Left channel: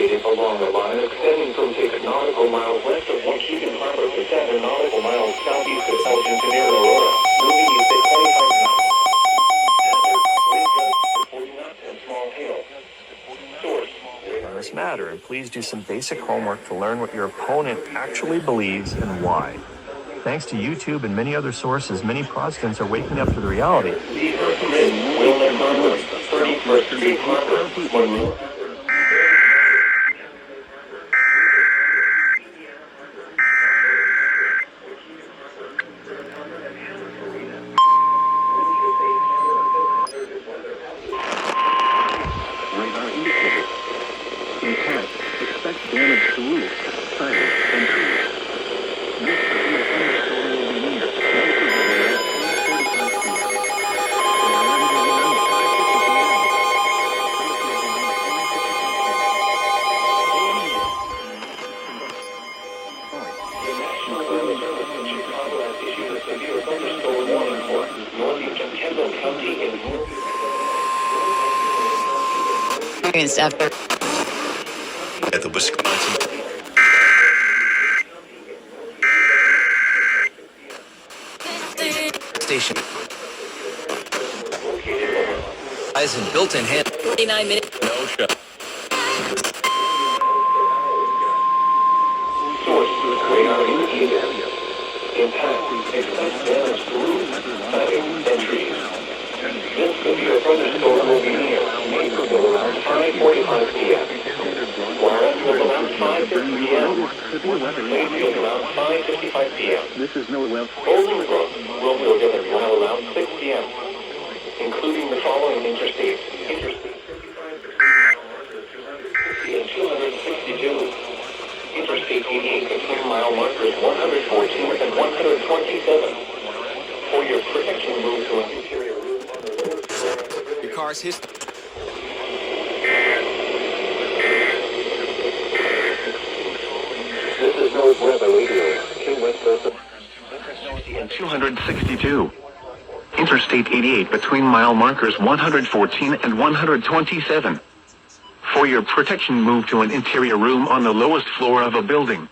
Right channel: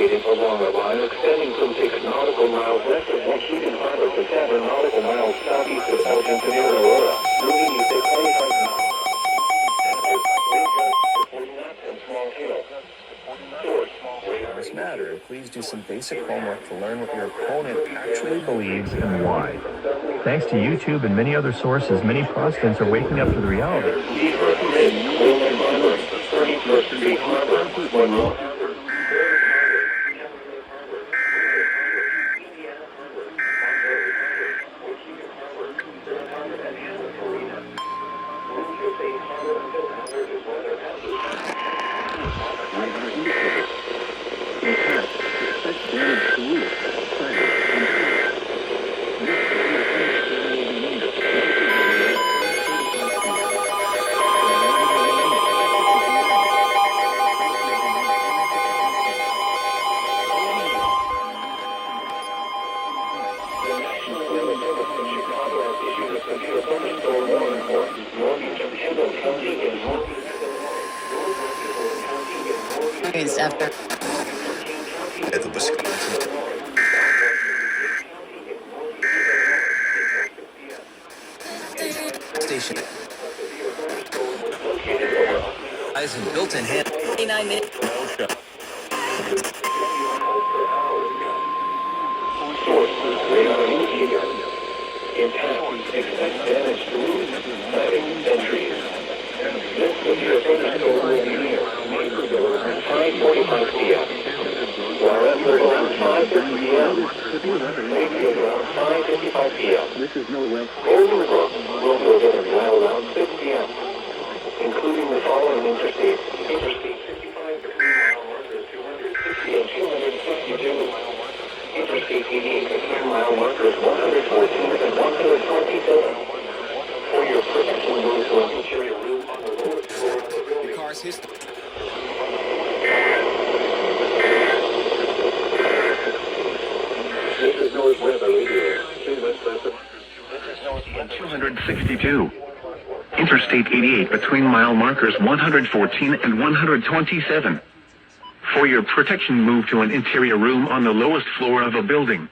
indicated along a line extending from 6 nautical miles west of Washington Harbor to 7 nautical miles southeast of Elgin near Aurora, moving east at 25 knots. Wind gusts to 40 knots and small hail. Source. This matter, and please do some basic homework to learn what your opponent actually believes and why. Thanks to YouTube and many other sources, many Protestants are waking up to the reality. The first grid will embargo, turning for Street Harbor, Monroe. Radar indicator. Impact. Expect damage to roof, siding, and trees. This severe thunderstorm will be needed. The National Weather Service in Chicago has issued a severe thunderstorm warning for northeastern Kendall County and northeast. After At the Wisconsin station. Eyes and built-in hand. 49 minutes. No show. Source, radar indicator. Impact, expect damage to roofs, siding, and trees. This severe thunderstorm will be near Naperville around 5:45 p.m. Warrenville around 5:50 p.m. Mayfield around 5:55 p.m. This is no well. Bolingbrook will go to mile around 6 p.m., including the following interstates. Interstate 55 between mile markers 260 and 262. Interstate 88 between mile markers 114 and 127. For your protection, move to an interior room on the lowest floor. Your car's history. This is North Weather Radio. King West Person. This is Northeast 262. Interstate 88 between mile markers 114 and 127. For your protection, move to an interior room on the lowest floor of a building.